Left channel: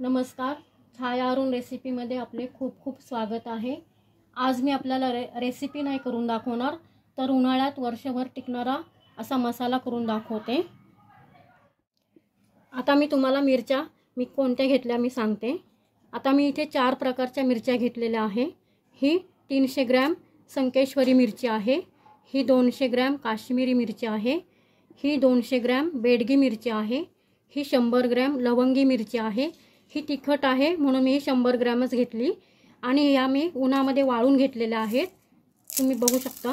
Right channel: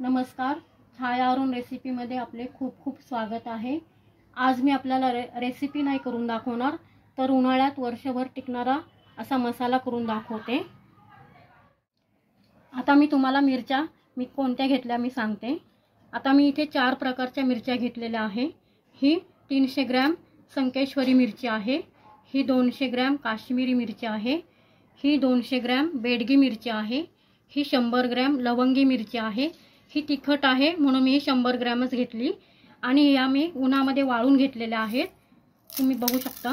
नमस्कार, छाया अरुण रेसिपीमध्ये आपले खूप खूप स्वागत आहे। आज मी आपल्याला रेसिपी नाही करून दाखवणार, तर उन्हाळ्यात वर्षभर टिकणारा असा मसाला करून दाखवते। आता मी तुम्हाला मिरच्या कोणत्या घेतल्या मी सांगते। आता मी इथे 4 प्रकारच्या मिरच्या घेतलेल्या आहे। ही 300 ग्रॅम संकेश्वरी मिरची आहे, ही 200 ग्रॅम काश्मीरी मिरची आहे, ही 200 ग्रॅम बेडगी मिरची आहे, ही 100 ग्रॅम लवंगी मिरची आहे। ही तिखट आहे म्हणून मी 100 ग्रॅमच घेतली आणि ह्या मी उन्हामध्ये वाळून घेतलेल्या आहेत। तुम्ही बघू शकता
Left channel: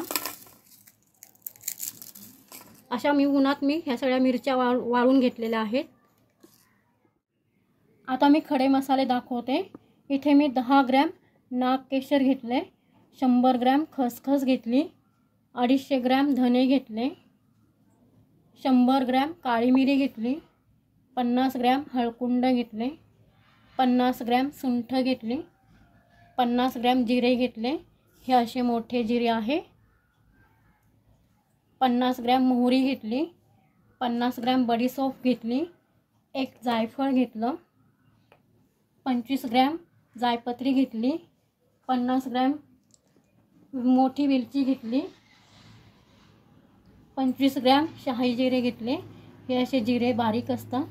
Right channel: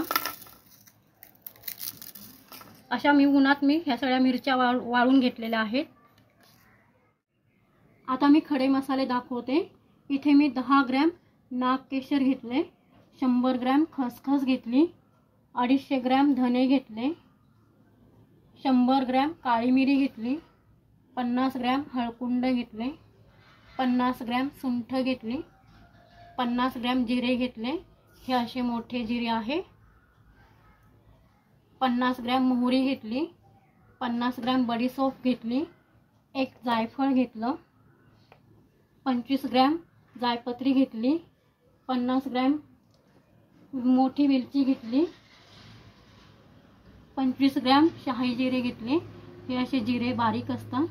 अशा मी उन्हात ह्या सगळ्या मिरच्या वाळून घेतलेल्या आहेत। आता मी खडे मसाले दाखवते। इथे मी 10 ग्रॅम नागकेशर घेतले, 100 ग्रॅम खसखस घेतली, 250 ग्रॅम धने घेतले, 100 ग्रॅम काळी मिरी घेतली, 50 ग्रॅम हळकुंड घेतले, 50 ग्रॅम सुंठ घेतली, 50 ग्रॅम जिरे घेतले, हे असे मोठे जिरे आहे, 50 ग्रॅम मोहरी घेतली, 50 ग्रॅम बडीशेप घेतली, एक जायफळ घेतलं, 25 ग्रॅम जायपत्री घेतली, 50 ग्रॅम मोठी वेलची घेतली, 25 ग्रॅम शाही जिरे घेतले, हे असे जिरे बारीक असतात,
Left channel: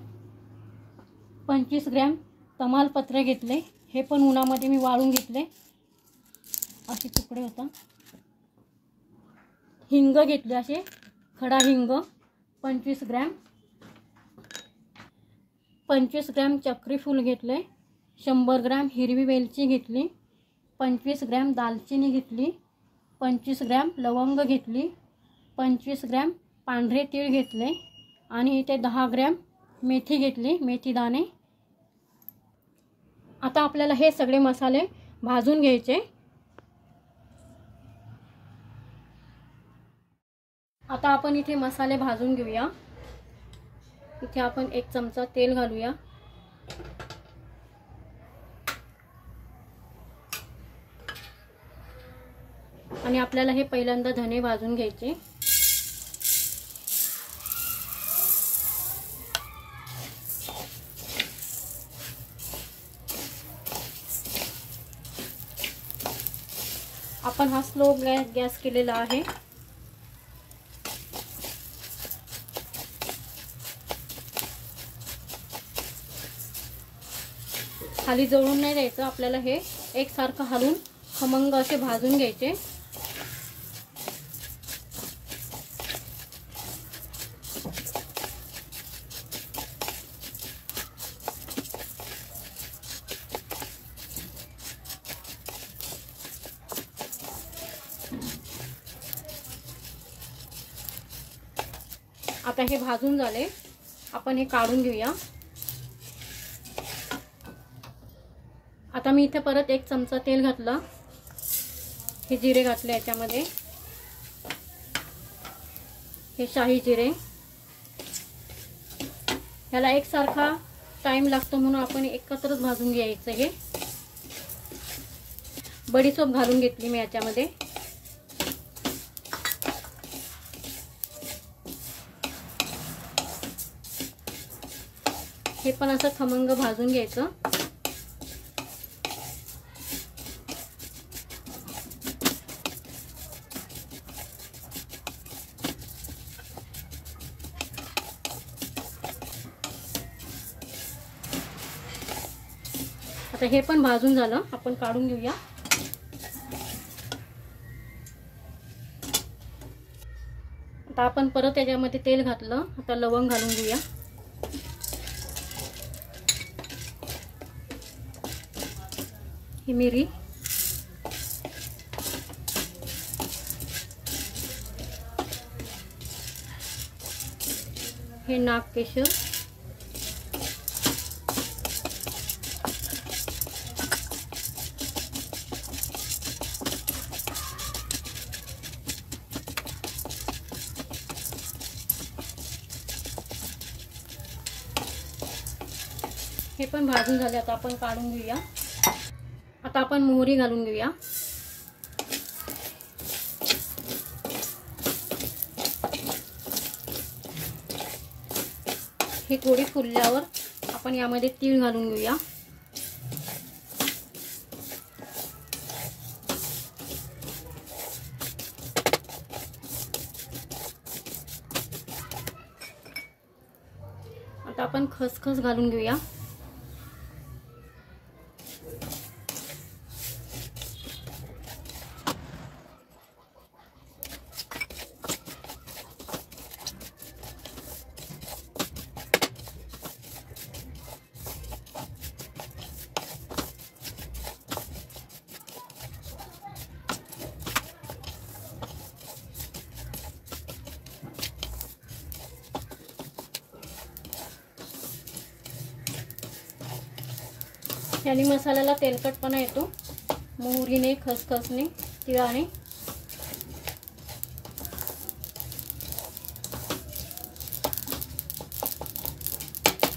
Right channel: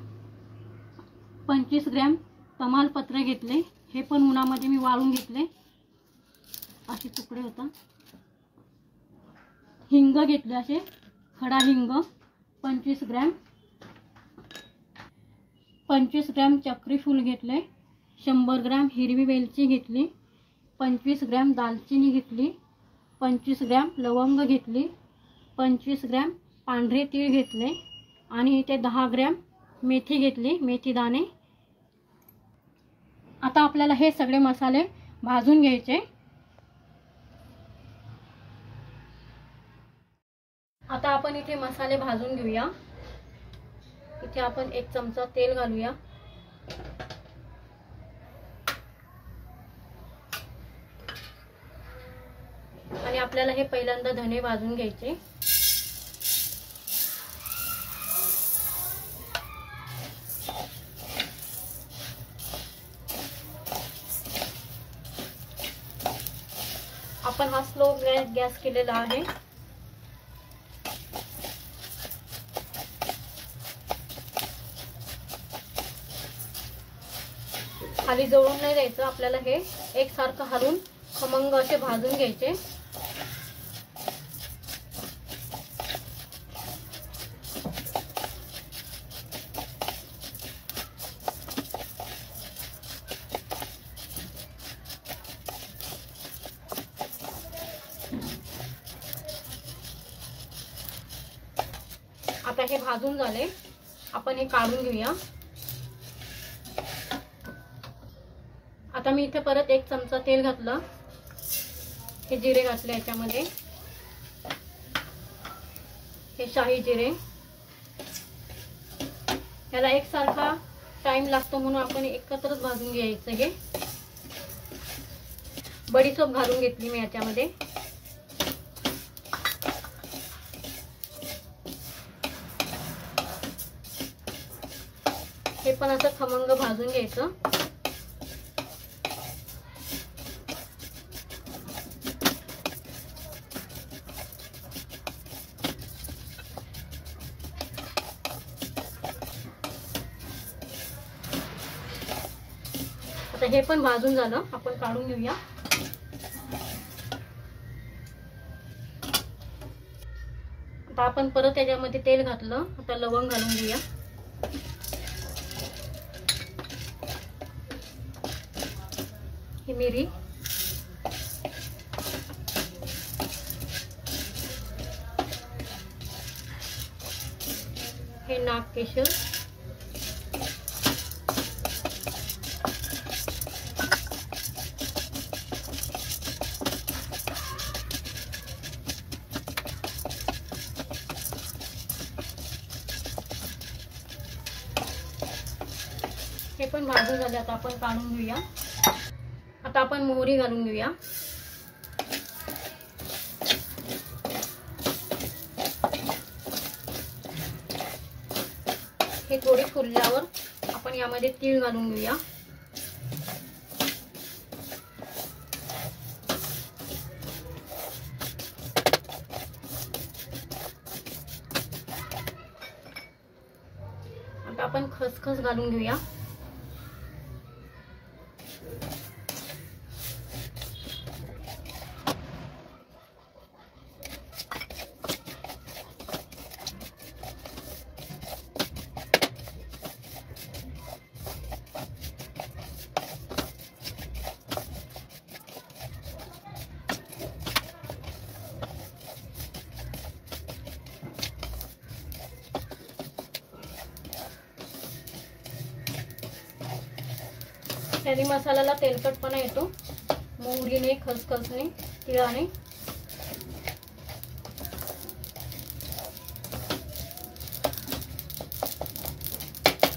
25 ग्रॅम तमालपत्र घेतले, हे पण उन्हामध्ये मी वाळून घेतले, असे तुकडे होता। हिंग घेतले, असे खडा हिंग 25 ग्रॅम, 25 ग्रॅम चक्री फूल घेतले, 100 ग्रॅम हिरवी वेलची घेतली, 25 ग्रॅम दालचिनी घेतली, 25 ग्रॅम लवंग घेतली, 25 ग्रॅम पांढरे तीळ घेतले आणि इथे 10 ग्रॅम मेथी घेतली, मेथी दाणे। आता आपल्याला हे सगळे मसाले भाजून घ्यायचे। आता आपण इथे मसाले भाजून घेऊया। इथे आपण 1 चमचा तेल घालूया, आणि आपल्याला हे पहिल्यांदा धने भाजून घ्यायचे। आपण हा स्लो गॅस केलेला आहे। खाली जळून नाही द्यायचं, आपल्याला हे एकसारखं हलवून खमंग असे भाजून घ्यायचे। आता हे भाजून झाले, आपण हे काढून घेऊया। आता मी इथे परत 1 चमचा तेल घातलं, हे जिरे घातले याच्यामध्ये, हे शाही जिरे, ह्याला एकसारखा टाइम लागतो म्हणून आपण एकत्रच भाजून घ्यायचं। हे बडीशेप घालून घेतली मी याच्यामध्ये, हे पण असं खमंग भाजून घ्यायचं। आता हे पण भाजून झालं, आपण काढून घेऊया। आता आपण परत याच्यामध्ये तेल घातलं, आता लवंग घालून घेऊया। ही मिरी, हे नागकेशर, हे पण भाजून झाले, आता आपण काढून घेऊया। आता आपण मोहरी घालून घेऊया। हे थोडी फुलल्यावर आपण यामध्ये तीळ घालून घेऊया। खसखस घालून घेऊया. याने मसाल्याला तेलकटपणा येतो, मोहरीने, खसखसने, तिळाने.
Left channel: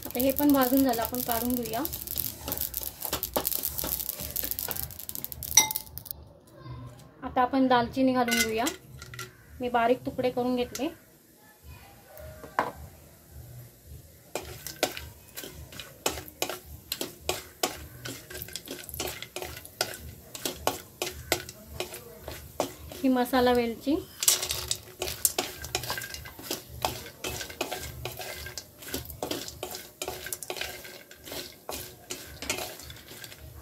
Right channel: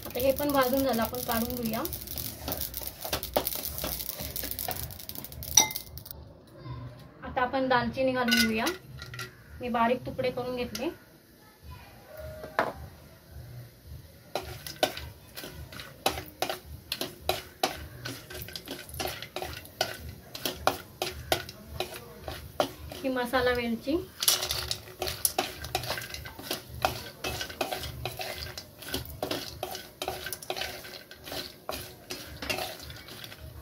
आता हे पण भाजून झालं, आपण काढून घेऊया. आता आपण दालचिनी घालून घेऊया. मी बारीक तुकडे करून घेतले. ही मसाला वेलची,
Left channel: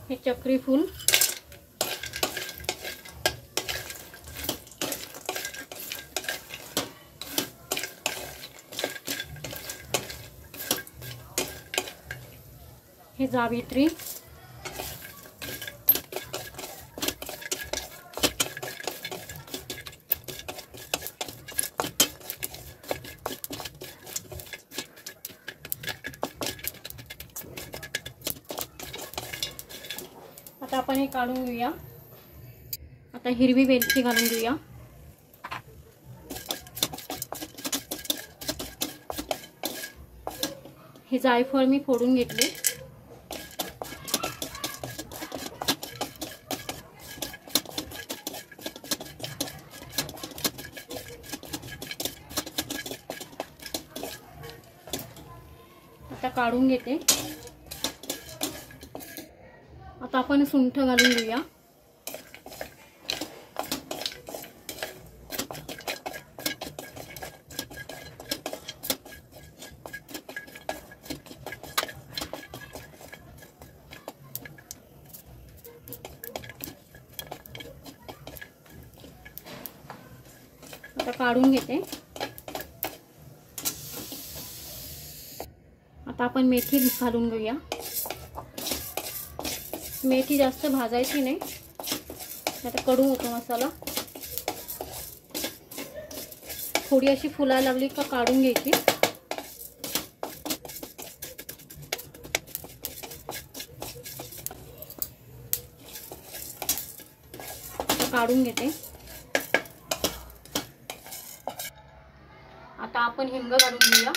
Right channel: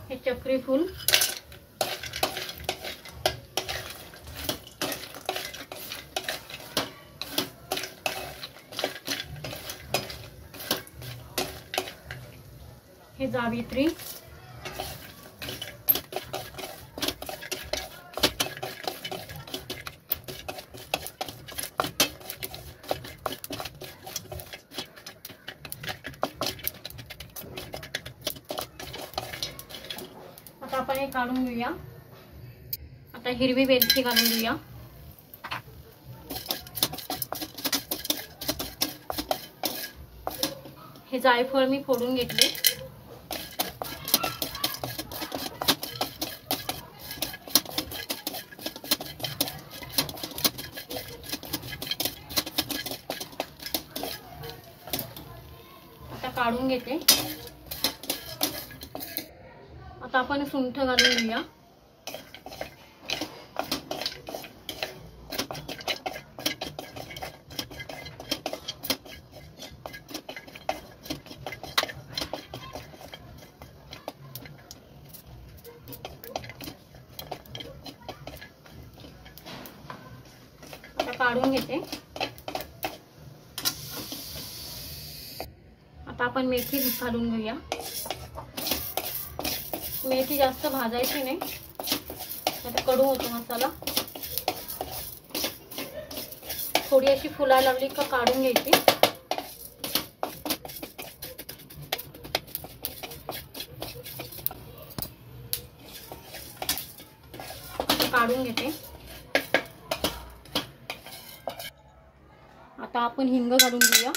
हे चक्री फूल, हे जावित्री, आता आपण हे काढून घेऊया. आता हिरवी वेलची घालून घेऊया. हे जायफळ मी फोडून घेतले. आता काढून घेते. आता आपण सुंठ घालून घेऊया. आता काढून घेते. आता आपण मेथी घालून घेऊया. मेथी जास्त भाजायची नाही, नाहीतर कडू होतो मसाला. थोडी अशी फुलायला लागली का काढून घ्यायची. काढून घेते. आता आपण हिंग काढून घेऊया.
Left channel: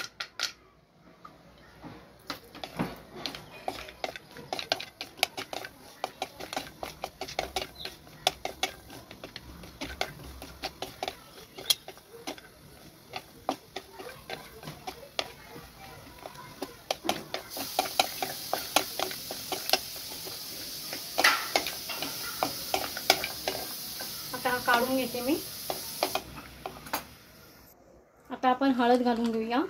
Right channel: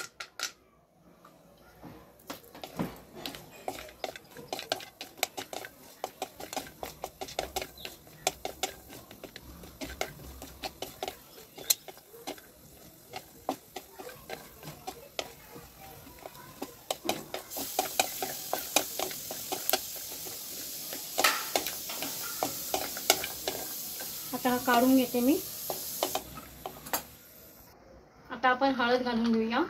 आता हा काढून घेते मी. आता आपण हळद घालून घेऊया.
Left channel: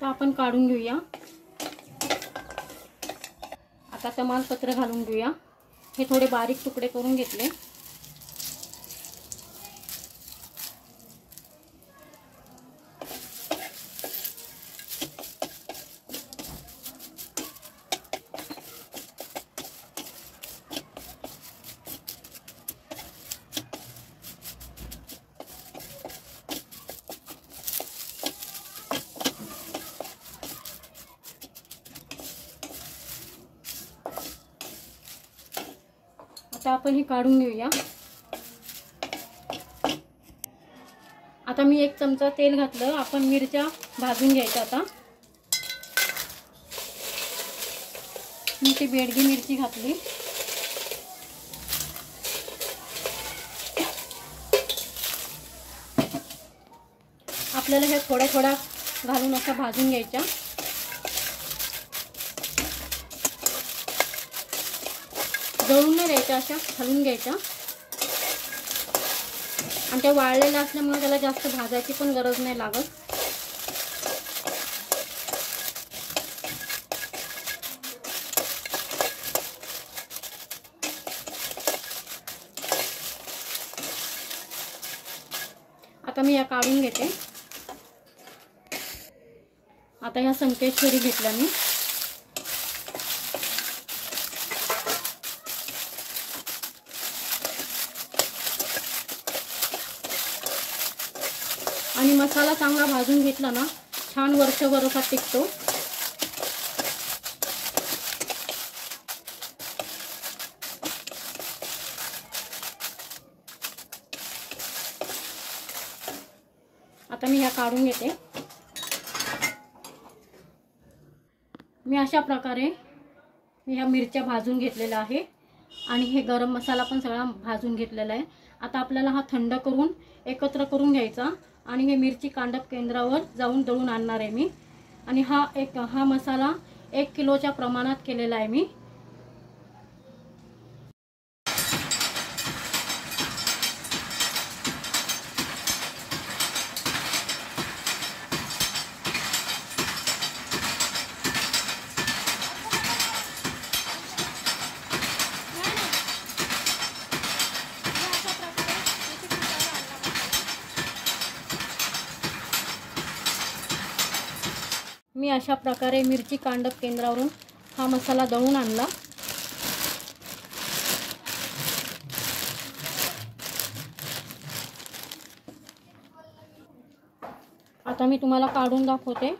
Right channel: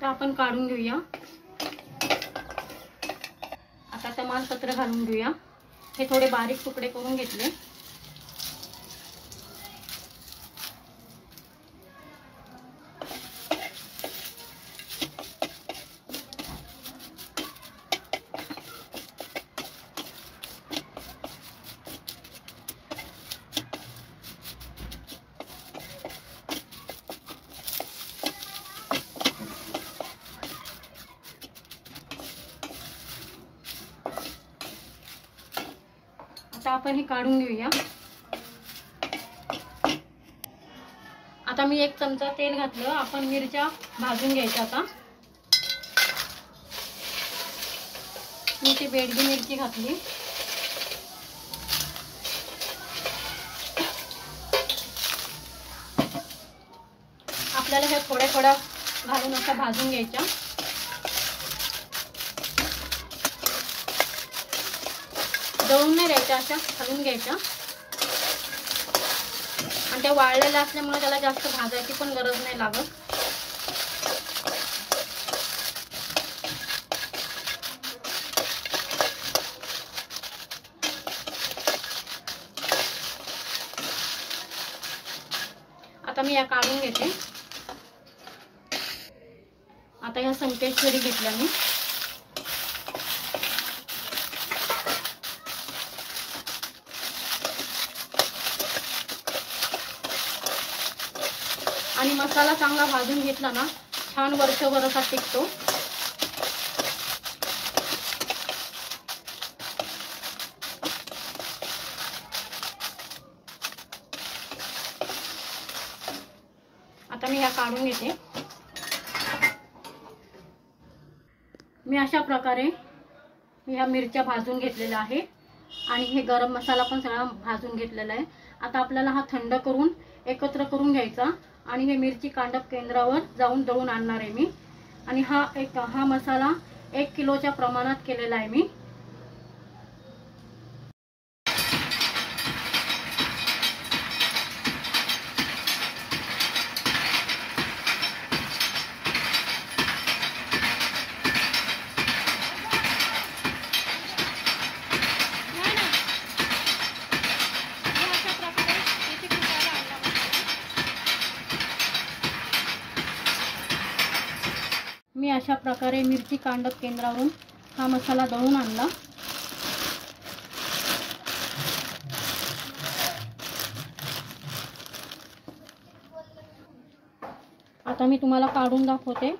तर आपण काढून घेऊया. आता तमालपत्र घालून घेऊया. हे थोडे बारीक तुकडे करून घेतले. आता आपण हे काढून घेऊया. आता आता मी 1 चमचा तेल घातलं. आपण मिरच्या भाजून घ्यायच्या. आता मी ती बेडगी मिरची घातली. आपल्याला हे थोड्या थोड्या घालून असं भाजून घ्यायच्या. जळून नाही द्यायच्या, अशा घालून घ्यायच्या. आणि त्या वाळलेल्या असल्यामुळे त्याला जास्त भाजायची पण गरज नाही लागत. आता मी या काढून घेते. आता ह्या संकेश्वरी घेतल्या मी. आणि मसाला चांगला भाजून घेतला ना, छान वर्षभर असा टिकतो. आता मी ह्या काढून घेते. मी अशा प्रकारे ह्या मिरच्या भाजून घेतलेल्या आहे आणि हे गरम मसाला पण सगळा भाजून घेतलेला आहे. आता आपल्याला हा थंड करून एकत्र करून घ्यायचा आणि हे मिरची कांडप केंद्रावर जाऊन दळून आणणार आहे मी. आणि हा मसाला 1 किलोच्या प्रमाणात केलेला आहे मी. मी अशा प्रकारे मिरची कांडप केंद्रावरून हा मसाला दळून आणला. आता मी तुम्हाला काढून दाखवते.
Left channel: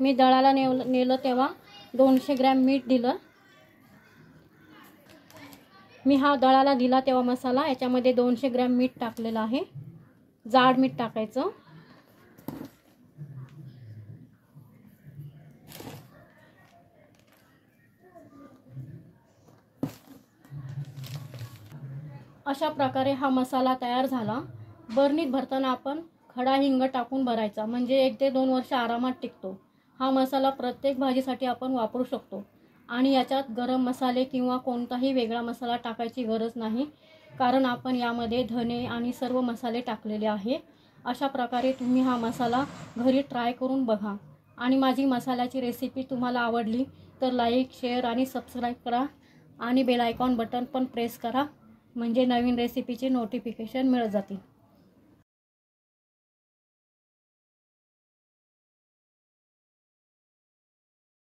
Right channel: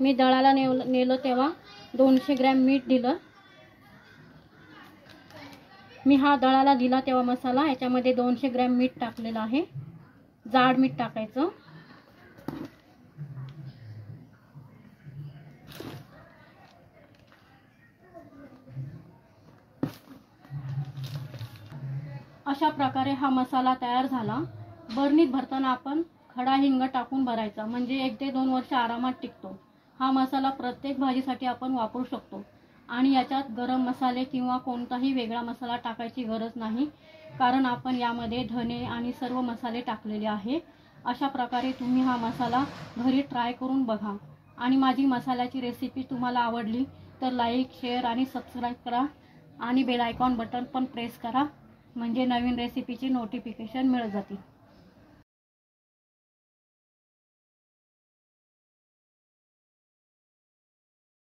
मी दळाला नेलं तेव्हा 200 ग्रॅम मीठ दिलं. मी हा दळाला दिला तेव्हा मसाला याच्यामध्ये 200 ग्रॅम मीठ टाकलेलं आहे. जाड मीठ टाकायचं. अशा प्रकारे हा मसाला तयार झाला. बरणीत भरताना आपण खडा हिंग टाकून भरायचा, म्हणजे 1 ते 2 वर्ष आरामात टिकतो. हा मसाला प्रत्येक भाजीसाठी आपण वापरू शकतो आणि याच्यात गरम मसाले किंवा कोणताही वेगळा मसाला टाकायची गरज नाही, कारण आपण यामध्ये धने आणि सर्व मसाले टाकलेले आहे. अशा प्रकारे तुम्ही हा मसाला घरी ट्राय करून बघा. आणि माझी मसाल्याची रेसिपी तुम्हाला आवडली तर लाईक, शेअर आणि सबस्क्राईब करा आणि बेल आयकॉन बटन पण प्रेस करा, म्हणजे नवीन रेसिपीचे नोटिफिकेशन मिळत जातील.